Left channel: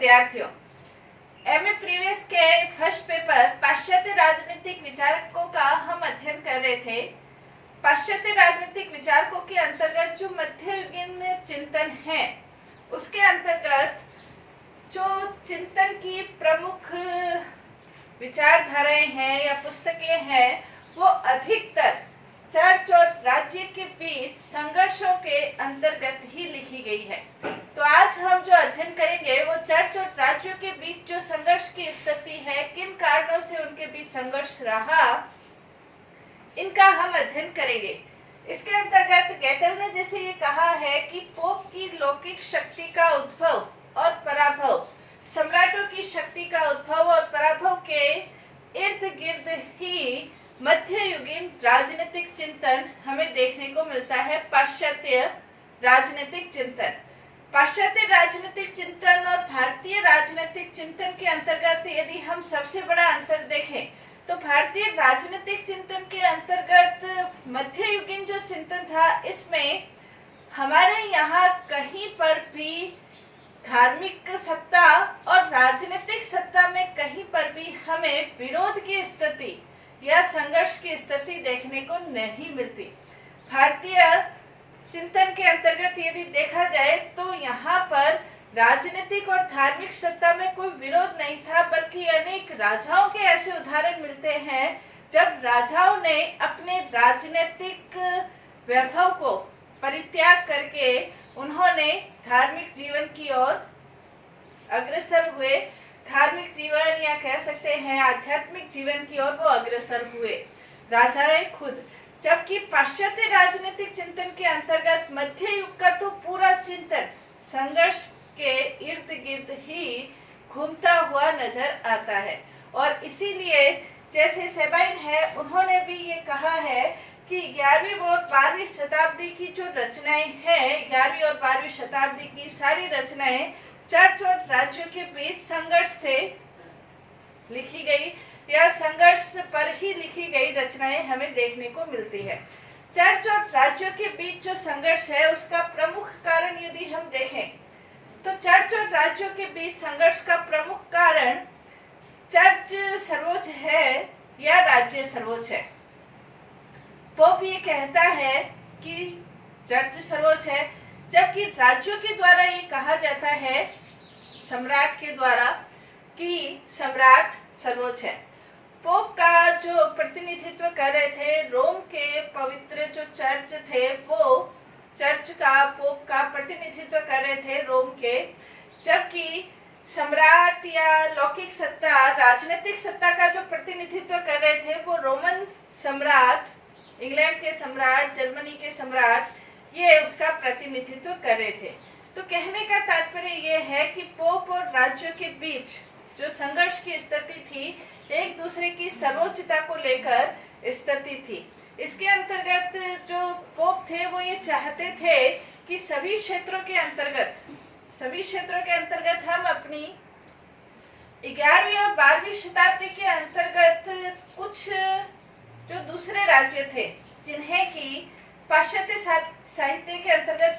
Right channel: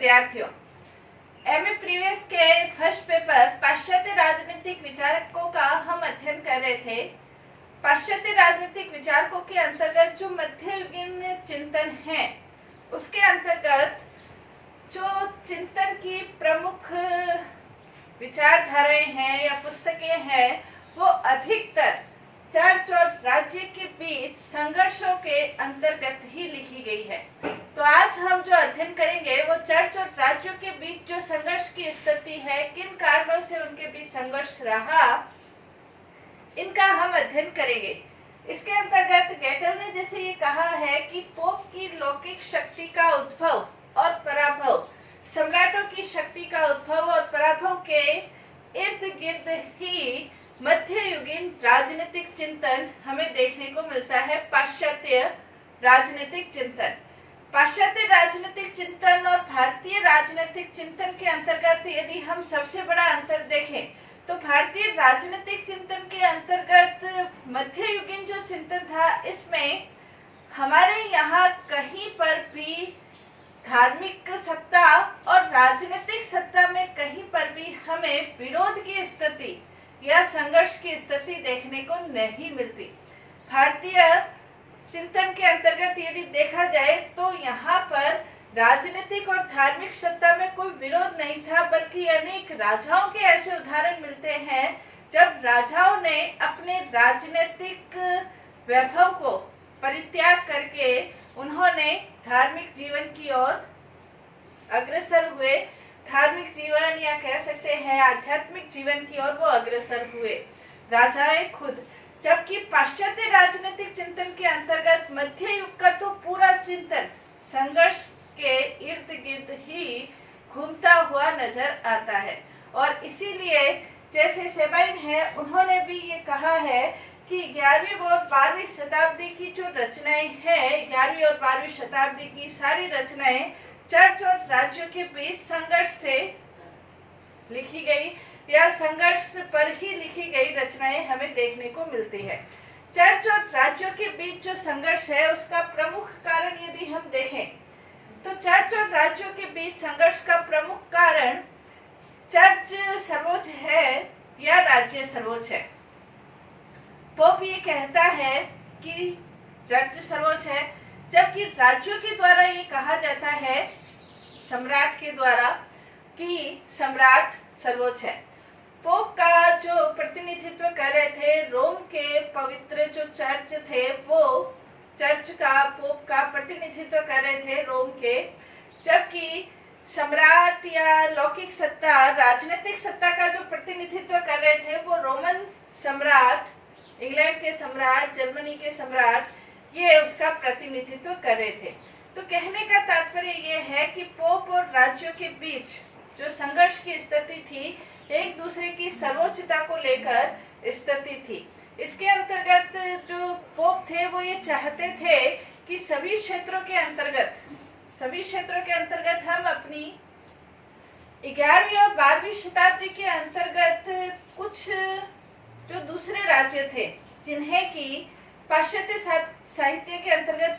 विद्यार्थियों, MA previous के first paper पाश्चात्य राजनीतिक विचारकों का हम अध्ययन कर रहे थे। पाश्चात्य राजनीतिक विचारकों के अंतर्गत जो मध्ययुगीन चिंतन है, उसके अंतर्गत जो चिंतन की प्रमुख विचारधाराएं हैं या पुस्तकें हैं, वो अधिकतर चर्च और राज्य के बीच संघर्षों के अंतर्गत ही लिखी गई है। तो आज हम जो अध्ययन करेंगे वो चर्च और राज्यों के बीच जो संघर्ष की स्थिति है, किन कारणों से उनके बीच संघर्ष रहा, इनका हम अध्ययन करेंगे। इसके अंतर्गत गेटल ने जैसे ये कहा है कि पोप की लौकिक शक्ति का उद्भव और पराभव, सम्राटों की शक्ति का उद्भव और पराभव के इर्द गिर्द ही मध्ययुगीन राजनीतिक चिंतन हमें देखने को मिलता है। पाश्चात्य राजनीतिक चिंतन, पाश्चात्य राजनीतिक चिंतन और भारतीय राजनीतिक चिंतन के अंतर्गत यदि हम सबसे बड़ा अंतर देखें तो भारतीय राजनीतिक चिंतन के अंतर्गत मध्ययुगीन जो चिंतन था, इसमें हमारे यहाँ कहीं पर भी धार्मिक सत्ता और राजनीतिक सत्ता में कहीं पर भी हमें विरोध की स्थिति या संघर्ष की स्थिति देखने को नहीं मिलती। भारतीय चिंतन के अंतर्गत यदि देखा जाए तो यहाँ पर राजनीतिक और धार्मिक सत्ता में कोई विरोध नहीं था, बल्कि अनेक राजाओं के ऐसे उदाहरण मिलते हैं जब राजाओं ने अपने राजनीतिक वैभव को परित्याग करके उन्होंने धार्मिक जीवन की ओर अग्रसर हुए, धार्मिक जीवन या कह सकते हैं आध्यात्मिक जीवन की ओर वो अग्रसर हुए, राजाएं खुद। जबकि पाश्चात्य राजनीतिक चिंतन के अंतर्गत मध्य युग का तो पूरा चिंतन संघर्ष के इर्द गिर्द ही घूमता हुआ नजर आता है। और इसीलिए जैसे सेबाइन है, उन्होंने भी ये कहा है कि 11वीं और 12वीं शताब्दी की जो रचनाएं हैं, 11वीं और 12वीं शताब्दी की सारी रचनाएं चर्च और राज्यों के बीच संघर्ष से लिखी गई या संघर्ष पर ही लिखी गई रचनाएं हमें देखने को मिलती है। चर्च और राज्यों के बीच जो संघर्ष है, उसका प्रमुख कारण यदि हम देखें तो चर्च और राज्यों के बीच संघर्ष का प्रमुख कारण चर्च सर्वोच्च है या राज्य सर्वोच्च है। पोप ये कहता है कि चर्च सर्वोच्च है, जबकि राज्यों के द्वारा ये कहा जाता है, सम्राट के द्वारा, कि सम्राट सर्वोच्च है। पोप का जो प्रतिनिधित्व कर रहे थे, रोम के पवित्र जो चर्च थे, वो चर्च का पोप का प्रतिनिधित्व कर रहे थे रोम के, जबकि सम्राट या लौकिक सत्ता, राजनीतिक सत्ता का जो प्रतिनिधित्व कर रहे थे वो रोमन सम्राट, इंग्लैंड के सम्राट, जर्मनी के सम्राट, ये उसका प्रतिनिधित्व कर रहे थे। तो कहने का तात्पर्य ये है कि पोप और राज्यों के बीच जो संघर्ष की स्थिति थी, एक दूसरे की सर्वोच्चता को लेकर स्थिति थी। इसके अंतर्गत जो पोप थे वो ये चाहते थे कि सभी क्षेत्रों के अंतर्गत हम अपनी 11वीं और 12वीं शताब्दी के अंतर्गत कुछ जो दूसरे राज्य थे, जिन्हें कि पाश्चात्य साहित्य के अंतर्गत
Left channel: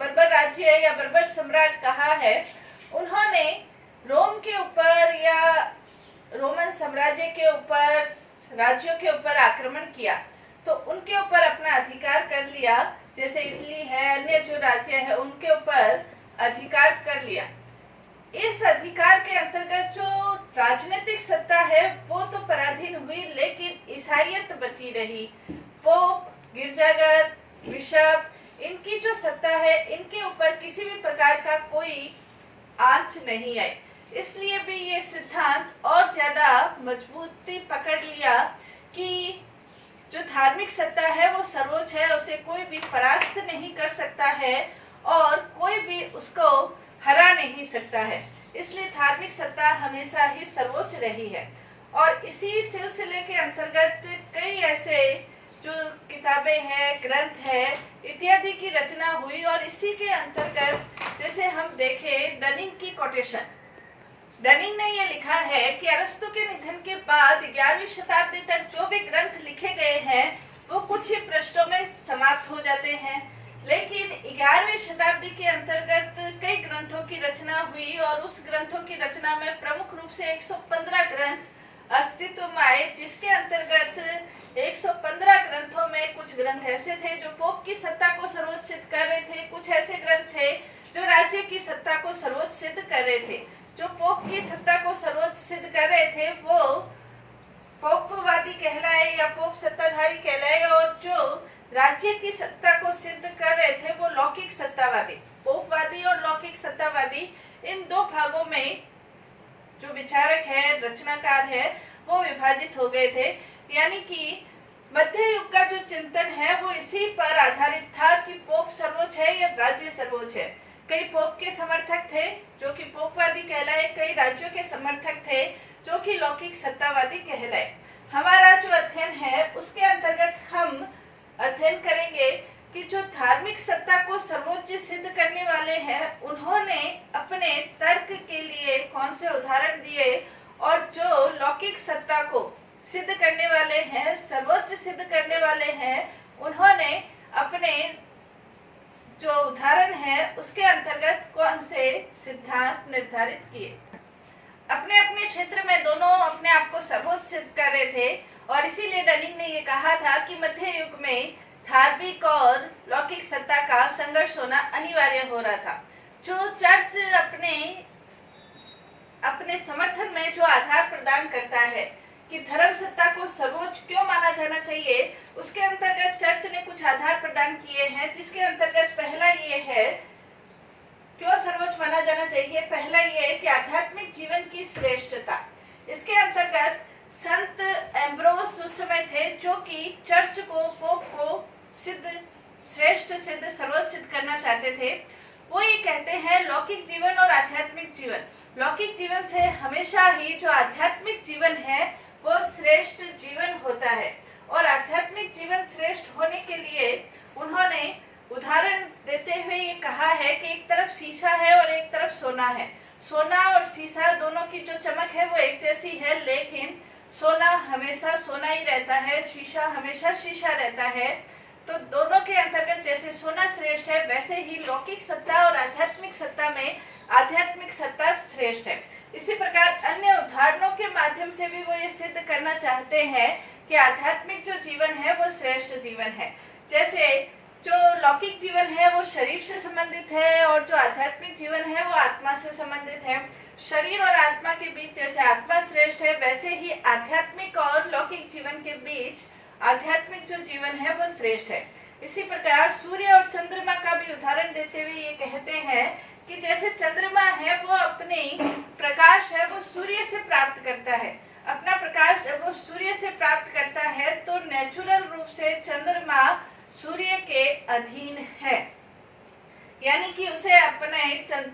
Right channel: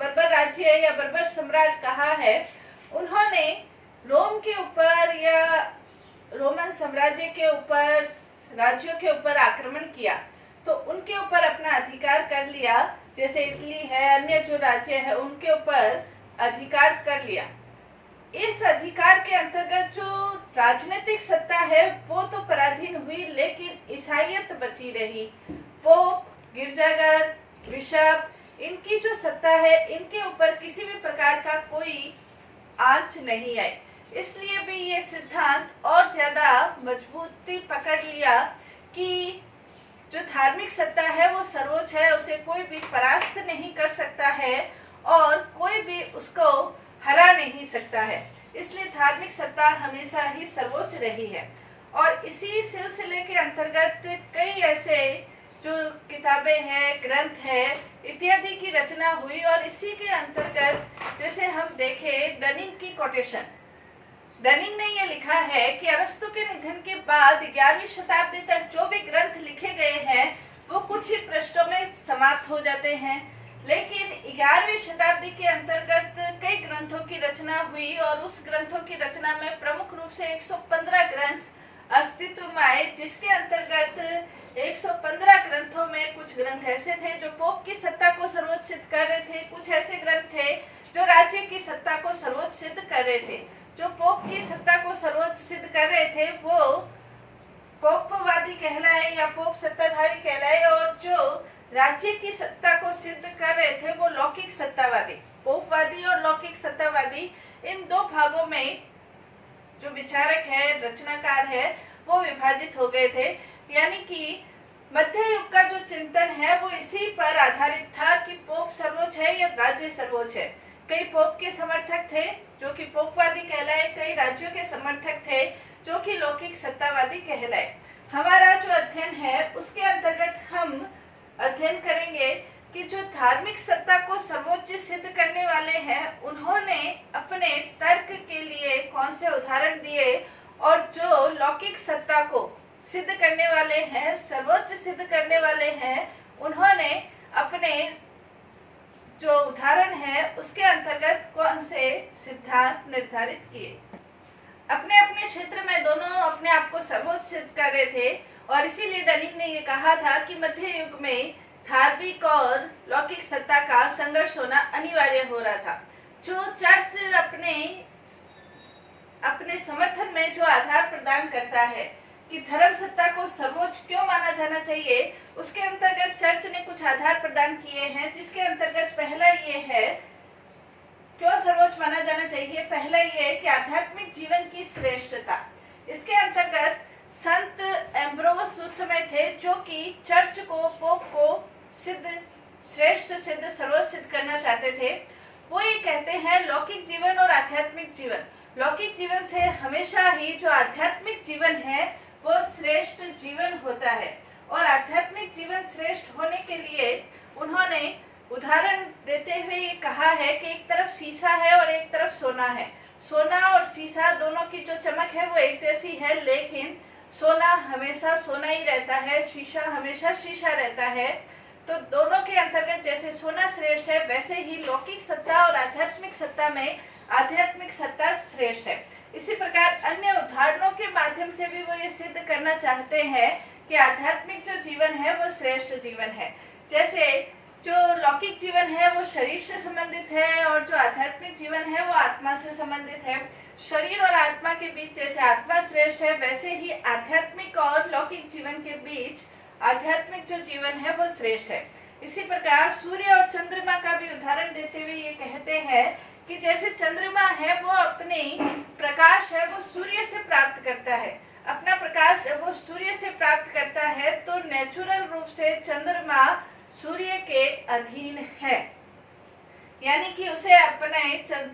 बर्बर राज्य या बर्बर सम्राट कहा है, उन्होंने रोम के ऊपर या रोमन साम्राज्य के ऊपर, राज्यों के ऊपर आक्रमण किया, तो उनके ऊपर अपना अधिकार कर लिया। जैसे इटली है, अन्य जो राज्य है, उनके ऊपर अधिकार कर लिया। इस अधिकार के अंतर्गत जो राजनीतिक सत्ता है वो तो पराधीन हुई, लेकिन ईसाईयत बची रही। पोप, गिरजाघर, बिशप, इनकी जो सत्ता है, इनके ऊपर किसी भी प्रकार का कोई आंच नहीं आई। इसलिए भी ये सिद्धांत और ज्यादा मजबूती पकड़ लिया कि जो धार्मिक सत्ता है वो सर्वोच्च है, उसे कोई भी परास्त नहीं कर सकता है और कोई भी उसको हरा नहीं सकता है। इसलिए धार्मिक सत्ता हमेशा ही सर्वोच्च रही है। और इसी सिलसिले के अंतर्गत कई ऐसे जो किताबें हैं, ग्रंथ है इत्यादि की रचना हुई। और इसी के अंतर्गत जैसे हम देखें डनिंग की कोटेशन, डनिंग ने यह लिखा है कि अरस्तु के निधन के बाद 11वीं शताब्दी तक जो भी ग्रंथ लिखे गए हैं वो कुछ ही पृष्ठों में समाप्त हो जाते हैं, लेकिन 11वीं शताब्दी के अंतर्गत कई ग्रंथों की रचना हुई और उस ग्रंथों की रचना में प्रमुख रूप से 115 ग्रंथ अस्तित्व में आए, जिसके अंतर्गत 115 ग्रंथों में कुछ ग्रंथ ऐसे थे जो पोप की सत्ता को सर्वोच्च सिद्ध कर रहे थे, कुछ ऐसे ग्रंथ थे जो राज्य की सत्ता को सर्वोच्च सिद्ध कर रहे थे। जो पोप की सत्ता को सर्वोच्च सिद्ध कर रहे थे वो पोपवादी कहलाए या पोप सत्ताधारी कहलाए, और जो राज्य की सत्ता को सिद्ध कर रहे थे वो लौकिक सत्तावादी। पोपवादी और लौकिक सत्तावादी, इन दो भागों में जो विचारक है, रचनाकार है, वो विभाजित हो गए थे। यानी कि मध्य युग का जो चिंतन है वो इसी पर आधारित था कि पोप सर्वोच्च है या राज्य सर्वोच्च है। कई पोप के समर्थक थे जो कि पोपवादी कहलाए, कई राज्यों के समर्थक थे जो कि लौकिक सत्तावादी कहलाए। हमारा जो अध्ययन है उसके अंतर्गत हम अध्ययन करेंगे कि जो धार्मिक सत्ता को सर्वोच्च सिद्ध करने वाले हैं उन्होंने अपने तर्क के लिए कौन से उदाहरण दिए, और जो लौकिक सत्ता को सिद्ध करने वाले हैं, सर्वोच्च सिद्ध करने वाले हैं, उन्होंने अपने जो उदाहरण है उसके अंतर्गत कौन से सिद्धांत निर्धारित किए। अपने अपने क्षेत्र में दोनों अपने आप को सर्वोच्च सिद्ध कर रहे थे, और इसीलिए डनिंग ने ये कहा था कि मध्य युग में धार्मिक और लौकिक सत्ता का संघर्ष होना अनिवार्य हो रहा था। जो चर्च अपने समर्थन में जो आधार प्रदान करता है कि धर्म सत्ता को सर्वोच्च क्यों माना जाना चाहिए, उसके अंतर्गत चर्च ने कुछ आधार प्रदान किए हैं, जिसके अंतर्गत पहला ये है क्यों सर्वोच्च माना जाना चाहिए। पहला ये है कि आध्यात्मिक जीवन की श्रेष्ठता। इसके अंतर्गत संत एम्ब्रोस उस समय थे जो कि चर्च को, पोप को श्रेष्ठ सिद्ध, सर्वोच्च सिद्ध करना चाहते थे। वो ये कहते हैं लौकिक जीवन और आध्यात्मिक जीवन, लौकिक जीवन से हमेशा ही जो आध्यात्मिक जीवन है वो श्रेष्ठ जीवन होता है, और आध्यात्मिक जीवन श्रेष्ठ होने के लिए उन्होंने उदाहरण देते हुए ये कहा है कि एक तरफ शीशा है और एक तरफ सोना है। सोना और शीशा दोनों की जो चमक है वो एक जैसी है, लेकिन सोना हमेशा सोना ही रहता है, शीशा हमेशा शीशा रहता है। तो दोनों के अंतर्गत जैसे सोना श्रेष्ठ है, वैसे ही लौकिक सत्ता और आध्यात्मिक सत्ता में आध्यात्मिक सत्ता श्रेष्ठ है। इसी प्रकार अन्य उदाहरणों के माध्यम से भी वो ये सिद्ध करना चाहते हैं कि आध्यात्मिक जो जीवन है वो श्रेष्ठ जीवन है। जैसे जो लौकिक जीवन है वो शरीर से संबंधित है, और जो आध्यात्मिक जीवन है वो आत्मा से संबंधित है। शरीर और आत्मा के बीच जैसे आत्मा श्रेष्ठ है, वैसे ही आध्यात्मिक और लौकिक जीवन के बीच आध्यात्मिक जो जीवन है वो श्रेष्ठ है। इसी प्रकार सूर्य और चंद्रमा का भी उदाहरण देते हुए ये कहते हैं कि जैसे चंद्रमा है वो अपने प्रकाश है वो सूर्य से प्राप्त करता है, अपना प्रकाश जब वो सूर्य से प्राप्त करता है तो नेचुरल रूप से चंद्रमा सूर्य के अधीन है, यानी कि उसे अपने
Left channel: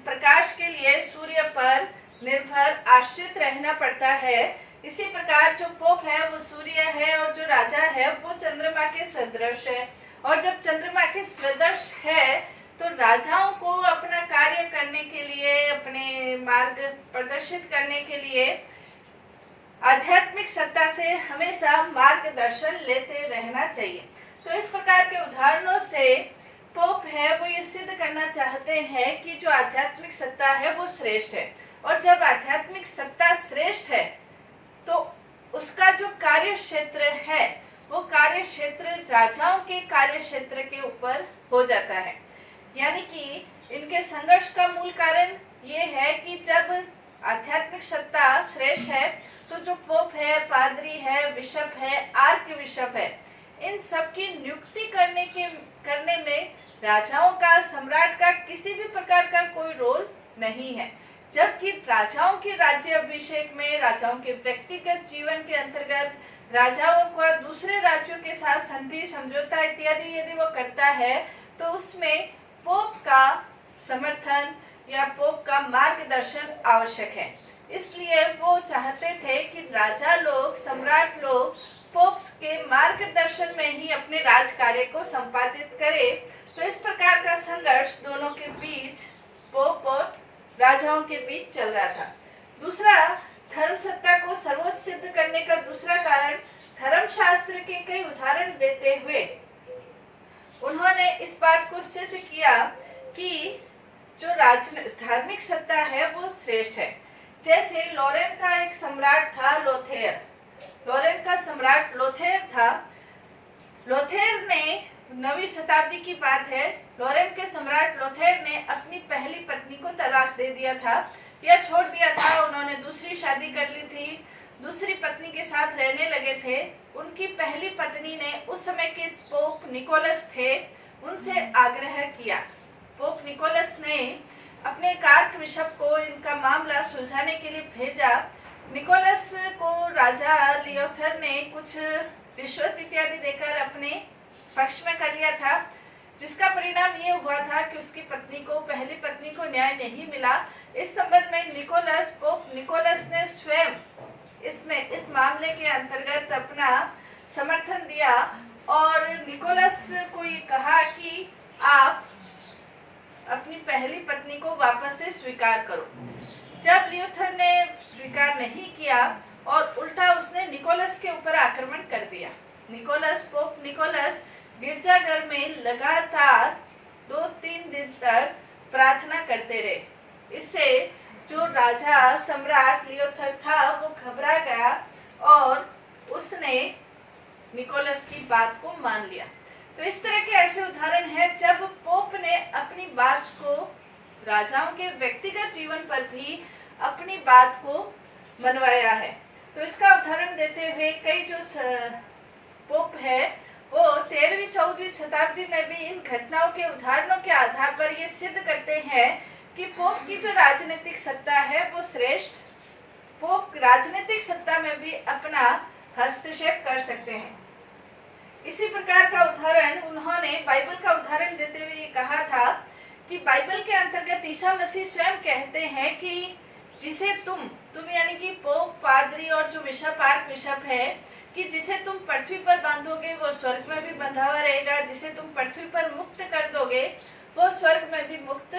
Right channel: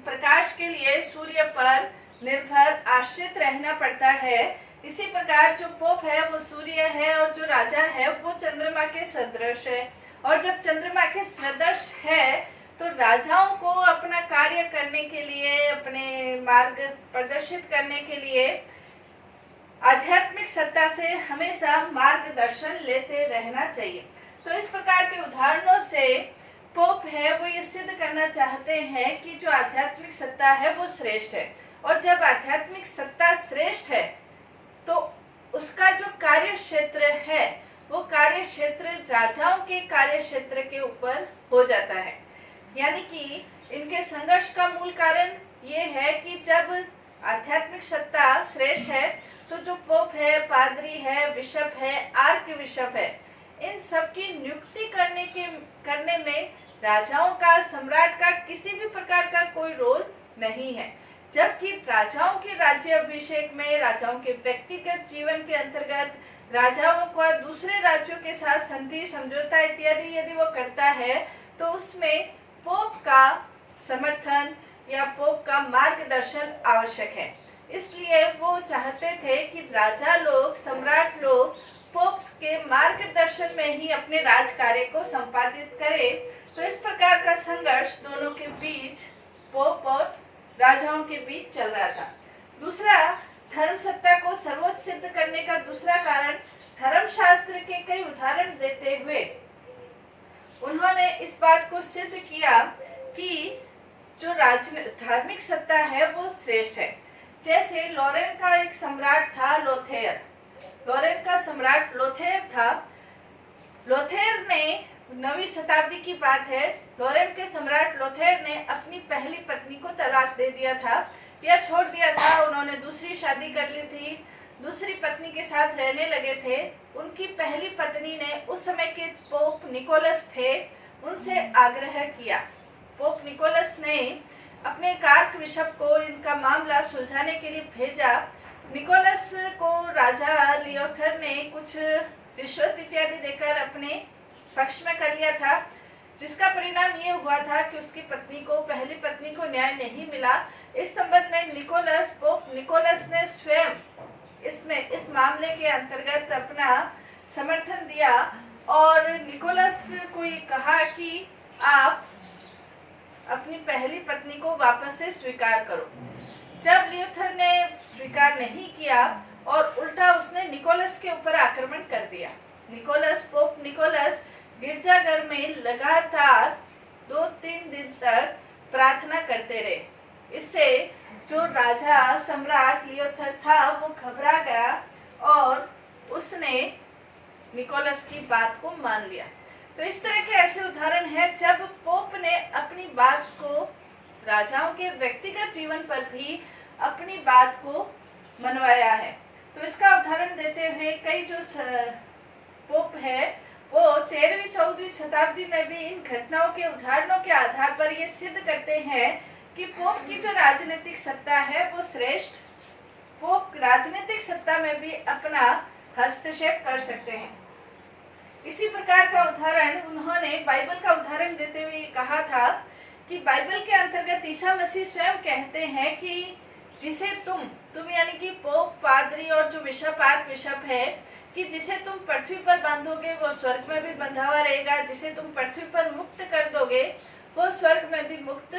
प्रकाश के लिए सूर्य पर निर्भर आश्रित रहना पड़ता है। इसी प्रकार जो पोप है वो सूर्य है, और जो राजा है वो चंद्रमा के सदृश है। और जब चंद्रमा के सदृश है तो राजाओं को अपना कार्य करने के लिए, अपने मार्ग प्रदर्शित करने के लिए आध्यात्मिक सत्ता से हमेशा मार्गदर्शन लेते रहना चाहिए। तो इस प्रकार के उदाहरणों से पोप है वो ये सिद्ध करना चाहते हैं कि जो आध्यात्मिक सत्ता है वो श्रेष्ठ है, और जब आध्यात्मिक सत्ता श्रेष्ठ है तो उसका जो कार्य क्षेत्र है वो कार्य क्षेत्र राजाओं के कार्य क्षेत्र के ऊपर हो जाता है। यानी कि इनके संघर्ष का मूल कारण ये है कि जब आध्यात्मिक सत्ता श्रेष्ठ है तो जो पोप है, पादरी है, बिशप है, आर्क बिशप है, इन सब की नियुक्ति करने में राजाओं का, सम्राट का किसी भी प्रकार का कोई रोल नहीं है। जबकि राजाओं के राज्य अभिषेक में, राजाओं के व्यक्तिगत जीवन के अंतर्गत राजाओं का दूसरे राज्यों के साथ संधि, समझौता इत्यादि यदि वो करता है तो उसमें पोप का समर्थन या पोप का मार्गदर्शन आवश्यक है। इसलिए वो चाहते थे कि राजा लोग, सम्राट लोग पोप के मार्गदर्शन में ही अपने राज कार्य को संपादित करे। तो इस प्रकार का संघर्ष दोनों के बीच, पोप और राजाओं के बीच चल रहा था। दूसरा, धर्म सत्ता को सर्वोच्च सिद्ध करने का दूसरा कारण धर्मशास्त्र के कई उदाहरण देते हुए उन्होंने इस बात को सिद्ध किया कि जो धार्मिक सत्ता है वो श्रेष्ठ है। जैसे लॉरेन का एक सम्राट था लोथेर। लॉरेन का सम्राट लोथेर था। लोथेर ने 9वीं शताब्दी की बात है, लॉरेन के सम्राट लोथेर ने अपनी पहली पत्नी को तलाक दे दिया था या छोड़ दिया था। उन्होंने दूसरी शादी कर ली थी, दूसरी पत्नी के साथ रहने लगे थे। उनकी पहली पत्नी ने उस समय के पोप निकोलस थे, उनसे आग्रह किया। पोप निकोलस ने अपने कार्क बिशप को इनका मामला सुलझाने के लिए भेजा। निकोलस को राजा लियोथर ने कुछ रिश्वत इत्यादि देकर अपने पक्ष में कर लिया था, जिसका परिणाम ये हुआ था कि उसकी पत्नी को, पहली पत्नी को न्याय नहीं मिला। इस संबंध में पोप निकोलस ने स्वयं इस मामले के अंतर्गत अपना समर्थन दिया और निकोलस को ये कहा कि आप अपनी पहली पत्नी को वापस से स्वीकार करो। जब लियोथर ने स्वीकार नहीं किया और उल्टा उसने निकोलस के ऊपर आक्रमण कर दिया। पोप निकोलस गिरजाघर में लगातार 2-3 दिन तक प्रार्थना करते रहे। इससे जो राजा सम्राट लियोथर था वो घबरा गया और उसने निकोलस की बात को मान लिया। तो इस तरह के ऐसे उदाहरण हैं जब पोप ने अपनी बात को, राजाओं के व्यक्तिगत जीवन पर भी अपनी बात को मनवाया है। तो इसका उदाहरण देते हुए कई जो पोप है वो 13वीं-14वीं शताब्दी में भी इन घटनाओं के उदाहरणों के आधार पर ये सिद्ध करते हैं कि पोप की जो राजनीतिक सत्ता है वो श्रेष्ठ। पोप राजनीतिक सत्ता में भी अपना हस्तक्षेप कर सकते हैं। इसी प्रकार का उदाहरण उन्होंने बाइबल का उदाहरण देते हुए कहा था कि बाइबल के अंतर्गत ईसा मसीह स्वयं कहते हैं कि जिसे तुम यानी कि पोप, पादरी और जो बिशप, आर्क बिशप है, कि जिसे तुम पृथ्वी पर बांधोगे वो स्वर्ग में भी बंधा हुआ रहेगा, जिसे तुम पृथ्वी पर मुक्त कर दोगे वो स्वर्ग में भी मुक्त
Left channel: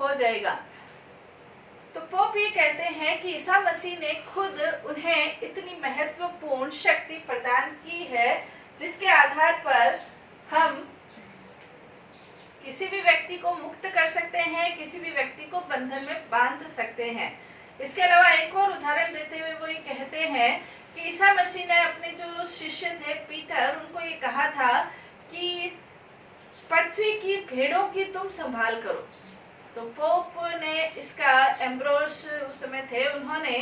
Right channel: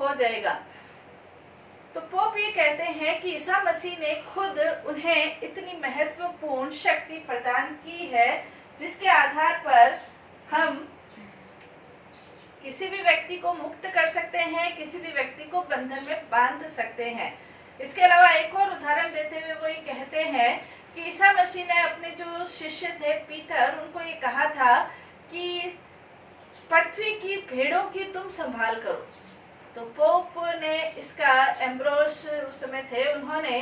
हो जाएगा। तो पोप ये कहते हैं कि ईसा मसीह ने खुद उन्हें इतनी महत्वपूर्ण शक्ति प्रदान की है जिसके आधार पर हम किसी भी व्यक्ति को मुक्त कर सकते हैं, किसी भी व्यक्ति को बंधन में बांध सकते हैं। इसके अलावा एक और उदाहरण देते हुए वो ये कहते हैं कि ईसा मसीह ने अपने जो शिष्य थे पीटर, उनको ये कहा था कि पृथ्वी की भेड़ों की तुम संभाल करो। तो पोप ने इसका, एम्ब्रोस उस समय थे, उन्होंने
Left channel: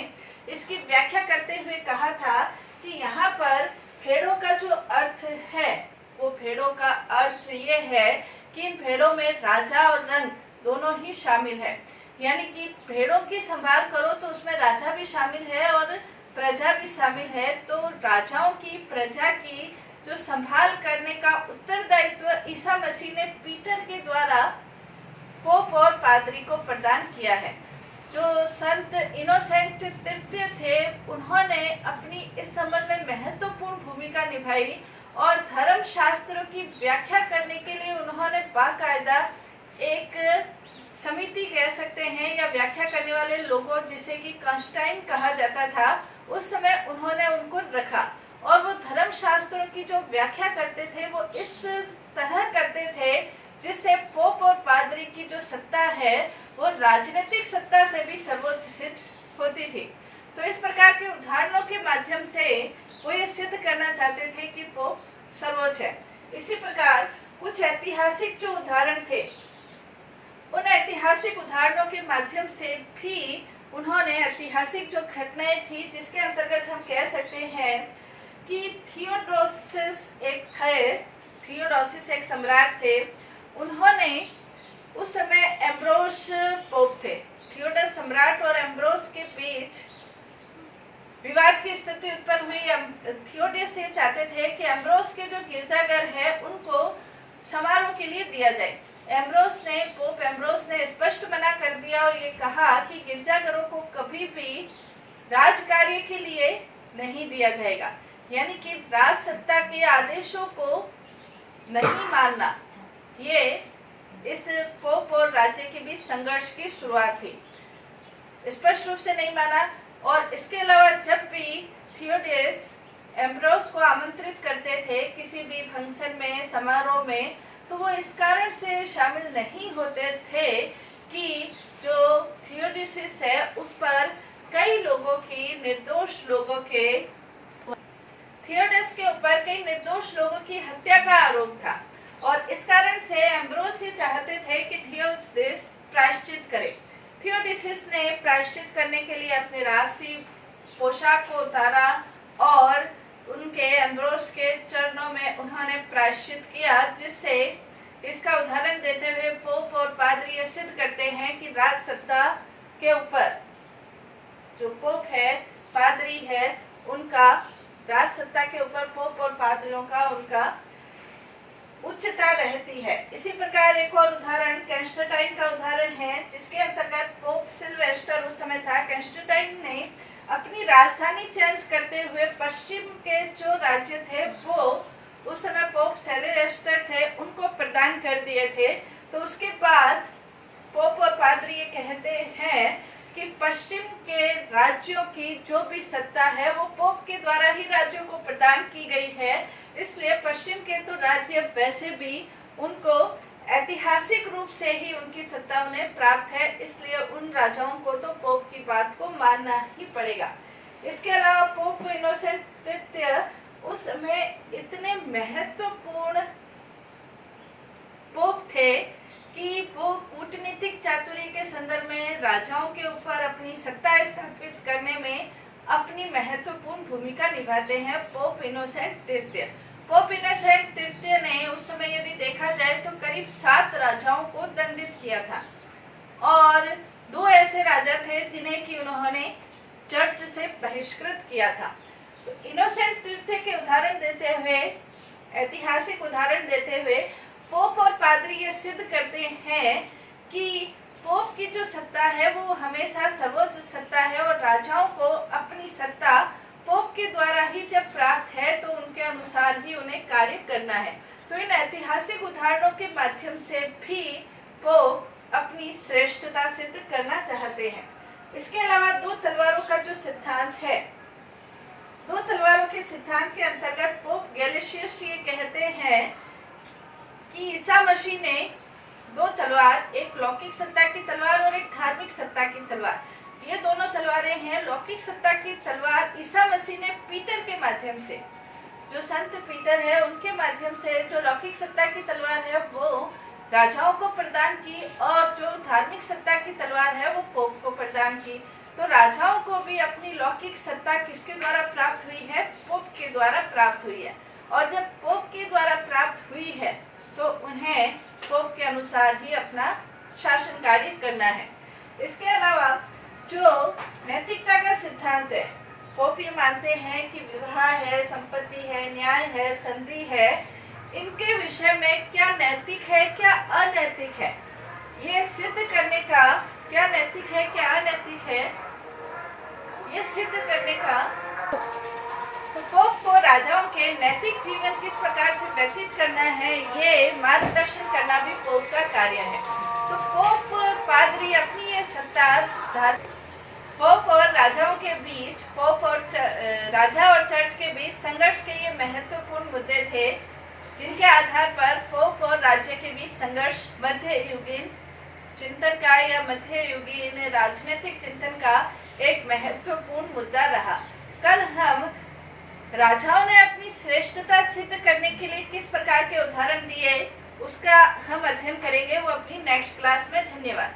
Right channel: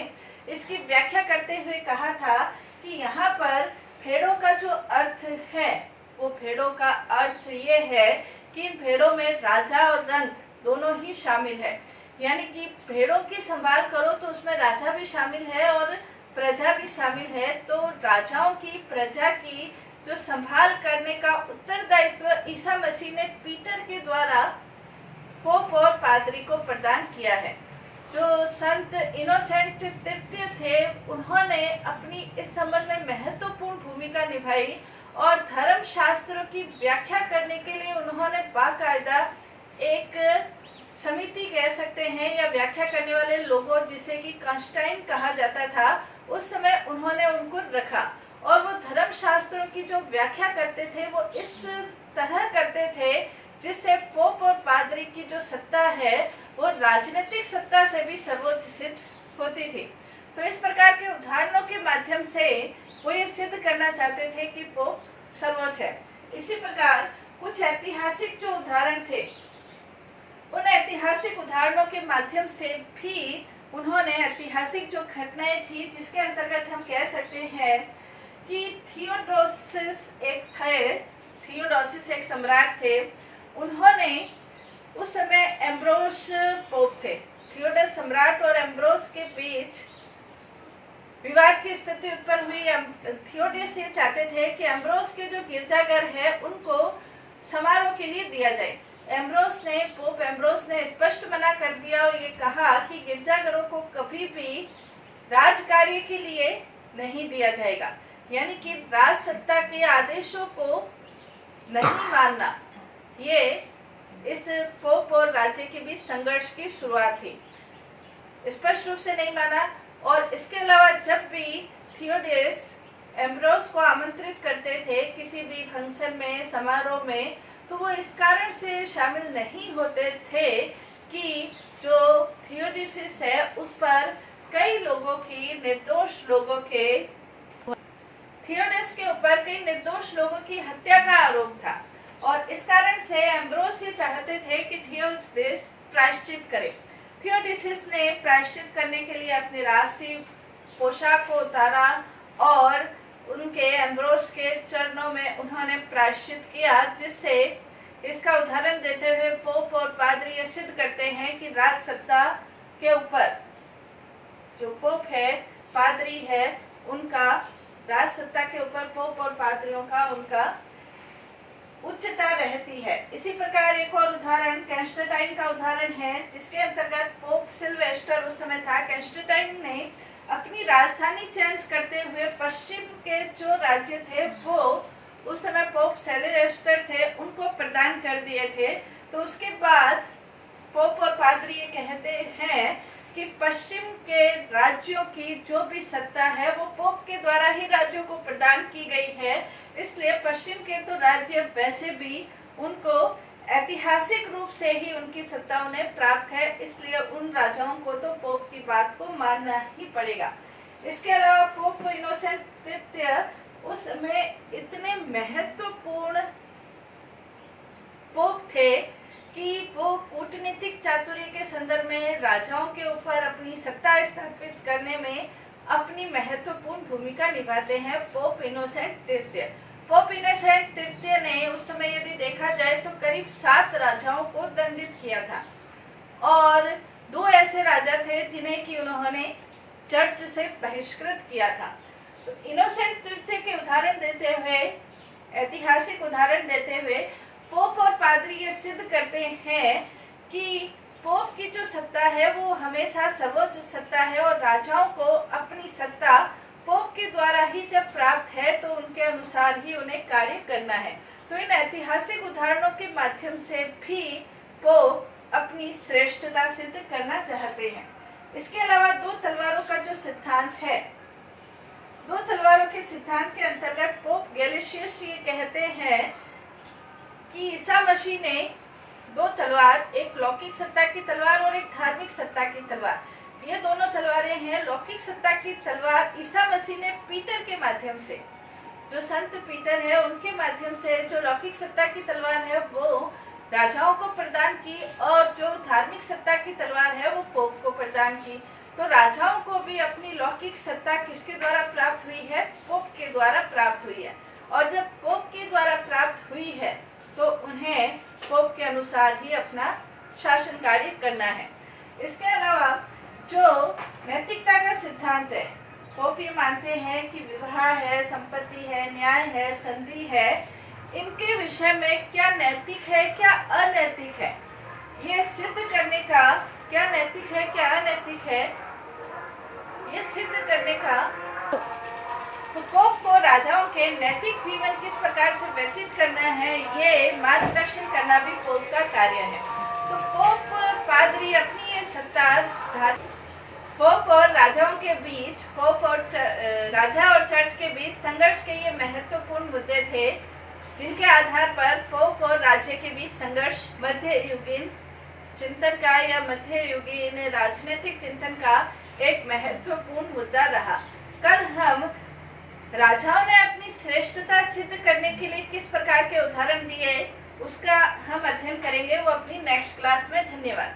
इसकी व्याख्या करते हुए कहा था कि यहाँ पर भेड़ों का जो अर्थ है वो भेड़ों का अर्थ ये है कि इन भेड़ों में राजा और रंग दोनों ही शामिल है। यानी कि भेड़ों की संभाल करो तो उसमें राजा भी शामिल है और प्रजा भी शामिल है। तो राजाओं की, प्रजा की जो संभाल करने का उत्तरदायित्व ईसा मसीह ने पीटर के द्वारा पोप और पादरी को प्रदान किया है। जो संत इनोसेंट तृतीय थे, उन्होंने अपनी इस संबंध में महत्वपूर्ण भूमिका निभाई और धर्म शास्त्रों की व्याख्या करने के लिए उन्होंने बाकायदा एक समिति कह सकते हैं या व्याख्या करने वाले लोगों, जिसे कि कॉन्स्टाइन कहा जाता था, उस समय उन्होंने उनको रखा और वो धर्म शास्त्रों की जो व्याख्या करते थे वो इस तरह करते थे जिससे पोप और पादरी की जो सत्ता है वो राजनीतिक सत्ता से भी सर्वोच्च सिद्ध होती थी। तो इस प्रकार के उदाहरणों के माध्यम से वो ये सिद्ध करना चाहते थे कि पोप सर्वोच्च है। इसी प्रकार कुछ ऐतिहासिक जो उदाहरण थे, उन ऐतिहासिक उदाहरणों के माध्यम से भी उन्होंने ऐतिहासिक जो घटनाएं थी जिसके अंतर्गत हम कह सकते हैं कि थियोडोसिस एक सम्राट थे। उन्होंने उस समय एम्ब्रोस पोप थे। थियोडस सम्राट और एम्ब्रोस के बीच विवाद की स्थिति उत्पन्न हुई। थियोडस ये चाहते थे कि एम्ब्रोस के जो गिरजाघर है उनको समारोह के लिए दिया जाए। पोप एम्ब्रोस ने स्पष्ट मना कर दिया और ये कहा कि गिरजाघरों को कभी भी राज कार्य के लिए नहीं दिया जाएगा, यानी कि राज सत्ता के आदेशों को नहीं मानना। ये इस पोप और राज्य के बीच संघर्ष की शुरुआत थी। स्पष्ट रूप से नहीं माना। और इसके अलावा जब भी थियोडस एम्ब्रोस को आमंत्रित करते थे किसी भी फंक्शन में, समारोह में, तो वो इस कारण से शामिल नहीं होते थे कि जो थियोडिसिस है उस पर कई लोगों की निर्दोष लोगों के थियोडिस के ऊपर कई निर्दोष लोगों की हत्या का आरोप था और इस कारण से एम्ब्रोस ये चाहते थे कि थियोडिस प्रायश्चित करे। थियोडिसिस ने प्रायश्चित करने के लिए अपने राजसी पोशाक को उतारा और उनके एम्ब्रोस के चरणों में उन्होंने प्रायश्चित किया, जिससे इसका उदाहरण देते हुए पोप और पादरी ये सिद्ध करते हैं कि राज सत्ता के ऊपर जो पोप है, पादरी है, उनका राज सत्ता के ऊपर पोप और पादरियों का उनका उच्चता रहती है। इसी प्रकार एक और उदाहरण कैंस्टेंटाइन का उदाहरण है, जिसके अंतर्गत पोप सिल्वेस्टर उस समय था। कैंस्टेंटाइन ने अपनी राजधानी चेंज करते हुए पश्चिम के जो राज्य थे वो उस समय पोप सिल्वेस्टर थे उनको प्रदान कर दिए थे। तो उसके बाद पोप और पादरी ये कहते हैं कि पश्चिम के राज्यों की जो भी सत्ता है वो पोप के द्वारा ही राज्यों को प्रदान की गई है, इसलिए पश्चिम के तो राज्य वैसे भी उनको ऐतिहासिक रूप से ही उनकी सत्ता उन्हें प्राप्त है, इसलिए उन राजाओं को तो पोप की बात को मानना ही पड़ेगा। इसके अलावा पोप इनोसेंट तृतीय उस समय इतने महत्वपूर्ण पोप थे कि वो कूटनीतिक चातुर्य के संदर्भ में राजाओं के ऊपर अपनी सत्ता स्थापित करने में अपनी महत्वपूर्ण भूमिका निभाते हैं। पोप इनोसेंट तृतीय, पोप इनोसेंट तृतीय ने उस समय यदि देखा जाए तो करीब 7 राजाओं को दंडित किया था और 2 ऐसे राजा थे जिन्हें कि उन्होंने चर्च से बहिष्कृत किया था। तो इनोसेंट तृतीय के उदाहरण देते हुए, ऐतिहासिक उदाहरण देते हुए पोप और पादरी ये सिद्ध करते हैं कि पोप की जो सत्ता है वो हमेशा सर्वोच्च सत्ता है और राजाओं को अपनी सत्ता पोप के द्वारा ही जब प्राप्त है तो उनके अनुसार ही उन्हें कार्य करना है। तो इन ऐतिहासिक उदाहरणों के माध्यम से भी पोप अपनी श्रेष्ठता सिद्ध करना चाहते हैं। इसके अलावा 2 तलवारों का जो सिद्धांत है, 2 तलवारों के सिद्धांत के अंतर्गत पोप गैलेशियस ये कहते हैं कि ईसा मसीह ने 2 तलवार, एक लौकिक सत्ता की तलवार और एक धार्मिक सत्ता की तलवार, ये दोनों तलवारें हैं। लौकिक सत्ता की तलवार ईसा मसीह ने पीटर के माध्यम से, जो संत पीटर है उनके माध्यम से जो लौकिक सत्ता की तलवार है वो राजाओं को प्रदान की और जो धार्मिक सत्ता की तलवार है वो पोप को प्रदान की। तो राजाओं को भी अपनी लौकिक सत्ता किसके द्वारा प्राप्त हुई है? पोप के द्वारा प्राप्त हुई है। और जब पोप के द्वारा प्राप्त हुई है तो उन्हें पोप के अनुसार ही अपना शासन कार्य करना है। इसके अलावा जो नैतिकता का सिद्धांत है, पोप ये मानते हैं कि विवाह है, संपत्ति है, न्याय है, संधि है, इनके विषय में क्या नैतिक है क्या अनैतिक है, ये सिद्ध करने का, क्या नैतिक है क्या अनैतिक है, ये सिद्ध करने का तो पोप को राजाओं के नैतिक जीवन किस प्रकार से व्यतीत करना है ये मार्गदर्शन करना भी पोप का कार्य है। तो पोप पादरी अपनी ये सत्ता पोप और राजाओं के बीच, पोप और राजा और चर्च के बीच संघर्ष के ये महत्वपूर्ण मुद्दे थे जिनके आधार पर पोप और राज्य के बीच संघर्ष मध्य युगीन चिंतन का या मध्य युगीन राजनीतिक चिंतन का एक महत्वपूर्ण मुद्दा रहा। कल हम राजाओं ने अपनी श्रेष्ठता सिद्ध करने के लिए किस प्रकार के उदाहरण दिए उसका हम अध्ययन करेंगे, वो अपनी नेक्स्ट क्लास में। धन्यवाद।